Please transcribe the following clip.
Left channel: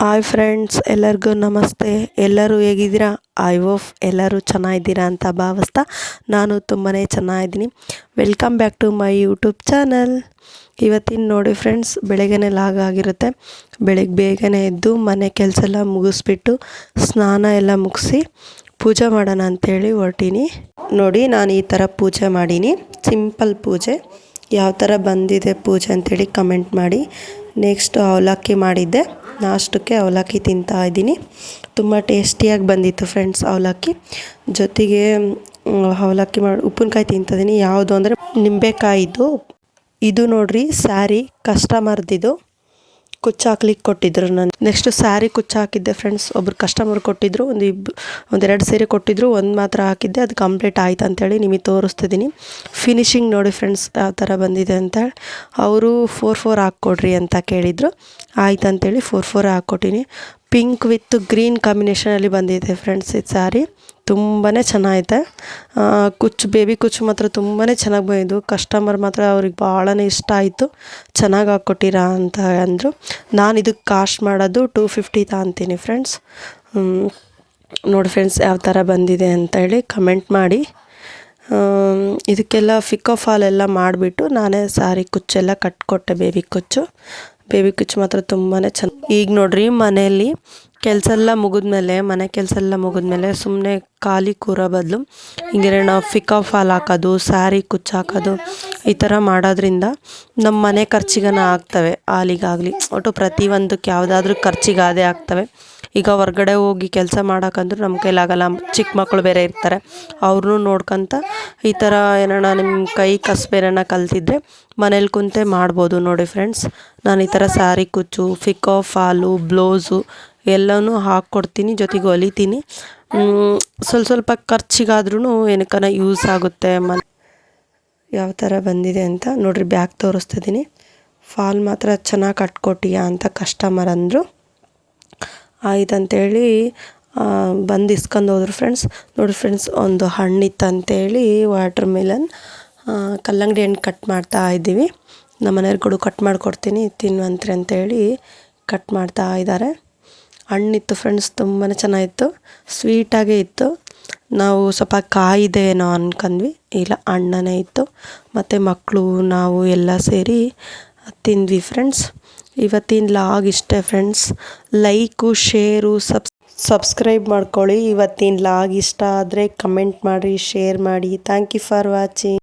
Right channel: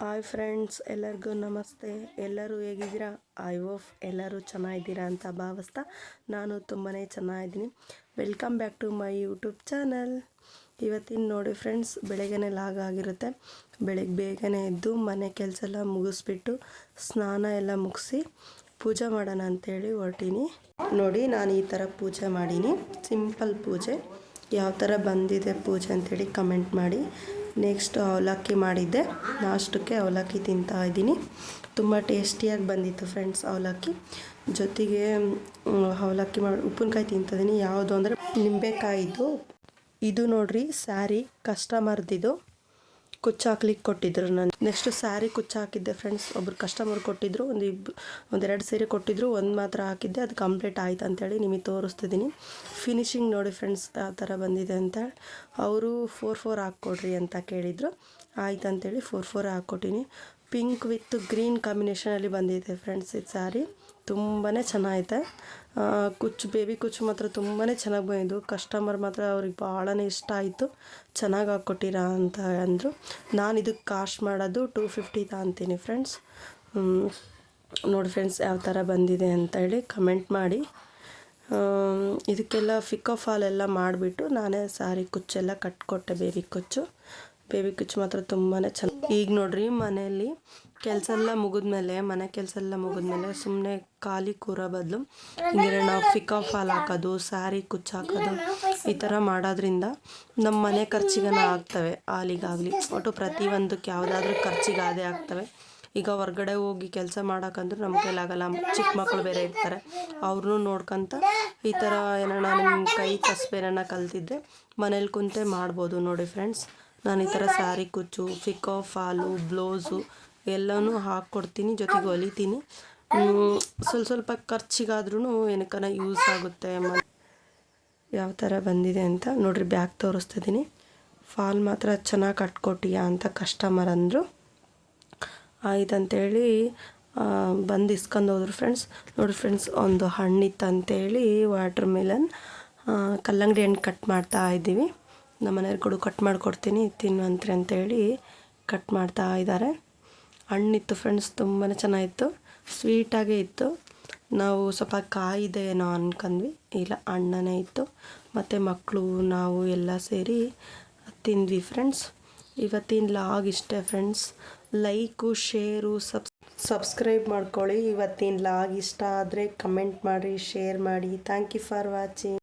Hi friends, ಎಲ್ಲರಿಗೂ ನಮಸ್ತೆ. ಎಲ್ಲರೂ ಹೇಗಿದ್ದೀರಾ? ಐ ಹೋಪ್ ಎಲ್ಲರೂ ಚೆನ್ನಾಗಿದ್ದೀರಾ ಅಂತ ಭಾವಿಸ್ತಾ ನಾನು ತುಂಬಾ ಚೆನ್ನಾಗಿದ್ದೀನಿ. Welcome back to my YouTube channel. ಇವತ್ತಿನ ನೋಡಿ ಫ್ರೆಂಡ್ಸ್, ಬೆಳಗ್ಗೆನೇ ಲಾಗ್ ಆಗಿರುತ್ತೆ. ಬೆಳಗ್ಗೆ ಬೇಗನೆ ಎದ್ದು ಮನೆ ಕೆಲಸ ಎಲ್ಲ ಮುಗಿಸ್ಬಿಟ್ಟು ಸ್ನಾನ ಎಲ್ಲ ಮುಗಿಸಿ ಪೂಜೆ ಮಾಡೋಣ ಅಂಥೇಳಿ ಹೊರಟೀನಿ. ನೋಡಿ, ನಾನು ಈ ಥರ ಪೂಜೆ ಮಾಡೀನಿ. ಸಿಂಪಲ್ ಪೂಜೆ. ಯಾವ ಥರ ಬಂದಿದೆ ಪೂಜೆ ಅಂಥೇಳಿ ಕಮೆಂಟ್ ಮಾಡಿ. ನೆಕ್ಸ್ಟು ಅವಲಕ್ಕಿ ಮಾಡಿದ್ದೆ. ನಾಷ್ಟಕ್ಕೆ ಅವಲಕ್ಕಿ ತಿಂತಾ ಇದ್ದೀನಿ. ತುಂಬ ಟೇಸ್ಟಿಯಾಗಿ ಬಂದಿತ್ತು ಫ್ರೆಂಡ್ಸ್ ಅವಲಕ್ಕಿ. ಜೊತೆಗೆ ಅವಲಕ್ಕಿ ಮಾಡಿ ಉಪ್ಪಿನಕಾಯಿ ತಿಂತಿದ್ದೀನಿ. ಯಾವುದು ಅಂದರೆ ನಿಂಬೆಕಾಯಿದು. ಇದು ನೋಡ್ರಿ ಸ್ಯಾರಿ ಕಸ್ಟಮರ್ದಿದು. ಕುಚ್ಚು ಹಾಕ್ಲಿಕ್ಕೆ ಕೊಟ್ಟಿದ್ರು. ನಾನು ನೆಕ್ಸ್ಟ್ ಸ್ಯಾರಿ ಕುಚ್ಚು ಹಾಕಿದ್ದೆ ಫ್ರೆಂಡ್ಸ್. ಒಬ್ರು ಕಸ್ಟಮರ್ ಕೊಟ್ಟಿದ್ದರು. ಒಂದೆರಡು ಸೀರೆ ಕೊಟ್ಟಿದ್ದರು. ಒಂದು ಮಾತ್ರ ಹಾಕಿದ್ದೆ. ಅದು ಕಂಪ್ಲೀಟ್ ಆಯ್ತು ಅಂಥೇಳಿ ನಿಮಗೆ ತೋರಿಸ್ತಿದ್ದೀನಿ. ಫಿನಿಶಿಂಗ್ ನೋಡಿ ಫ್ರೆಂಡ್ಸ್ ಯಾವ ಥರ ಬಂದಿದೆ ಅಂತೇಳಿ. ಅವರು 4 ಹಾಕ್ಕೊಡ್ರಿ ಅಂತ ಕೇಳಿದರು. ಆಯ್ತು ಅಂಥೇಳಿ 4 ಹಾಕ್ಕೊಟ್ಟಿನಿ. ಪಿಂಕ್ ವಿತ್ ಗ್ರೀನ್ ಕಾಂಬಿನೇಷನಲ್ಲಿ ಬಂದಿದೆ ಫ್ರೆಂಡ್ಸ್ ಇದು ಸ್ಯಾರಿ. ತುಂಬಾ ಚೆನ್ನಾಗೈತೆ. ಕುಚ್ಚು ಬೇಬಿ ಕುಚ್ಚು ಮಾತ್ರ ತುಂಬಾ ಚೆನ್ನಾಗಿ ಬಂದಿದ್ದು. ಕಸ್ಟಮರ್ ಮಾತ್ರ ಅವ್ರಿಗೆ ಭಾಳನೇ ಇಷ್ಟ ಆಯಿತು. ಚೆನ್ನಾಗಿ ಹಾಕ್ಕೊಟ್ಟಿರಾ ಅಂತ ಅಂದರು. ನಾನು ಇದಕ್ಕೆ ಕಾಸ್ಟ್ ಮಾಡೋದು 250 ತಗೊಂತೀನಿ ಫ್ರೆಂಡ್ಸ್. ನೋಡಿ ಫ್ರೆಂಡ್ಸ್ ಯಾವ ಥರ ಬಂದಿದೆ ಅಂತೇಳಿ ಕಮೆಂಟ್ ಮಾಡಿ. ಇದಕ್ಕೆಲ್ಲ ಫಿಕೋ ಫಾಲ್ ಎಲ್ಲ ಮಾಡಿಬಿಟ್ಟು ನಾನೇ ಸ್ಯಾರಿ ಕುಚ್ಚೆಲ್ಲ ಕಟ್ಕೊಟ್ಟೆ. ಬೇಬಿ ಕುಚ್ಚು ಮಾತ್ರ ತುಂಬಾ ಚೆನ್ನಾಗಿ. ಈಗ ನೋಡ್ರಿ, ಮನೆಯಲ್ಲಿ ಕೆಲಸ ಎಲ್ಲ ಮುಗಿದ್ಮೇಲೆ ಮನೆ ಕೆಲಸ ಎಲ್ಲ ಮುಗಿದ್ಮೇಲೆ ಸುಮ್ಮನೆ ಖಾಲಿ ಕೂರೋ ಬದಲು ಹಿಂಗೆ ನಾವು ಫಿಕೋ ಫಾಲ್ ಹಾಕೋದು, ಸ್ಯಾರಿ ಕುಚ್ಚು ಹಾಕೋದು ಈ ಥರ ಮಾಡೋದ್ರಿಂದ ನಮ್ಮ ಮನೆ ಖರ್ಚಿಗನ ಆಗ್ತವೆ. ಹಾಲಿಗಾಗಲಿ ಒಟ್ಟು ಪ್ರತಿಯೊಂದಕ್ಕೆ ಯಾವುದಾದ್ರೂ ಖರ್ಚಿಗೆ ಅದೇ ಆಗ್ತವೆ. ಈಗ ಹೊರ್ಗಡೆ ಹೋಗಿ ಕೆಲಸ ಮಾಡೋಕ್ಕಂದ್ರೂ ನಮ್ಮ ಕೈಲಾಗಲ್ಲ. ಚಿಕ್ಕ ಮಕ್ಕಳು ಬೇರೆ ಇರ್ತಾರೆ. ಅವ್ರನ್ನೂ ನೋಡ್ಕೊತ ಈ ಥರ ಏನಾರ ನಿಮ್ಮ ಕೈ ಕಸಬೇನ ಕಲ್ತಿದ್ರೆ ಮನೇಲಿ ಕುಂತೆ ಮಾಡ್ಬೋದು. ನೋಡಿ ಫ್ರೆಂಡ್ಸ್, ನಾನು ಈ ಥರ ಸ್ಯಾರಿ ಕುಚ್ಚು, ಫಿಕೋ ಫಾಲು, ಬ್ಲೌಸು ಎಲ್ಲನೂ ಹಾಕ್ಕೊಡ್ತೀನಿ. ಜೊತೆಗೆ ಹೊಲಿತೀನಿ. ಸ್ವಲ್ಪ ಖರ್ಚಿಗಾದ್ರೂ ಏನಕ್ಕನ ಯೂಸ್ ಆಗುತ್ತೆ. ಯಾವ ಥರ ಬಂದಿದೆ ಅಂತ ನೋಡಿರಿ. ಬ್ಯಾಗ್ ತೋರಿಸ್ತಿದ್ದೀನಿ. ಫಾಲ್ ಮಾತ್ರ ಚೆನ್ನಾಗಿ ಕಟ್ಕೊಟ್ಟಿಯಾ ಅಂತ ಕಸ್ಟಮರ್ ಅಂದರು. ಆಯ್ತು ಅಂಥೇಳಿ ಬಂದು ಇಸ್ಕೊಂಡು ಹೋದ್ರು ಫ್ರೆಂಡ್ಸ್. ನೋಡಿ ಫ್ರೆಂಡ್ಸ್, ಒಂದು ಹಣ್ಣಿತ್ತಂತೇಳಿ ವಾಟರ್ ಮೆಲನ್ ಕಲ್ಲಂಗಡಿ ಹಣ್ಣು ಕಟ್ ಮಾಡ್ತಾ ಇದ್ದೀವಿ. ನಮ್ಮ ಮನೆಯವ್ರಿಗೂ ಕಟ್ ಮಾಡಿಕೊಡ್ತೀನಿ ತಿನ್ನುವಂತ್ರಿ ಅಂತೇಳಿ ಕಟ್ ಮಾಡ್ತಾ ಇದ್ದಾರೆ. ಹಣ್ಣಿತ್ತು ಫ್ರೆಂಡ್ಸ್, ತುಂಬಾ ಚೆನ್ನಾಗಿತ್ತು. ಸ್ವೀಟಾಗೇ ಇತ್ತು. ನಾವು ಸ್ವಲ್ಪ ಕಾಯಿದೆ ಏನೋ ಅಂದ್ಕೊಂಡ್ವಿ. ಇಲ್ಲ, ಹಣ್ಣನೇ ಇತ್ತು. ಮತ್ತು ಮಕ್ಕಳು ನಾವು ಎಲ್ಲ ಸೇರಿ ತಿಂದ್ವಿ ಫ್ರೆಂಡ್ಸ್. ಇವತ್ತಿನ ಲಾಗ್ ಇಷ್ಟೇ ಫ್ರೆಂಡ್ಸ್. ಲೈಕು, ಶೇರು, ಸಬ್ಸ್ಕ್ರೈಬ್ ಮಾಡ್ಕೊಳ್ಳಿ. ಇವತ್ತಿನ ಲಾಗ್ ಇಷ್ಟ ಆದರೆ ಕಮೆಂಟ್ ಮಾಡಿರಿ, ಶೇರ್ ಮಾಡಿ. Thank you for watching.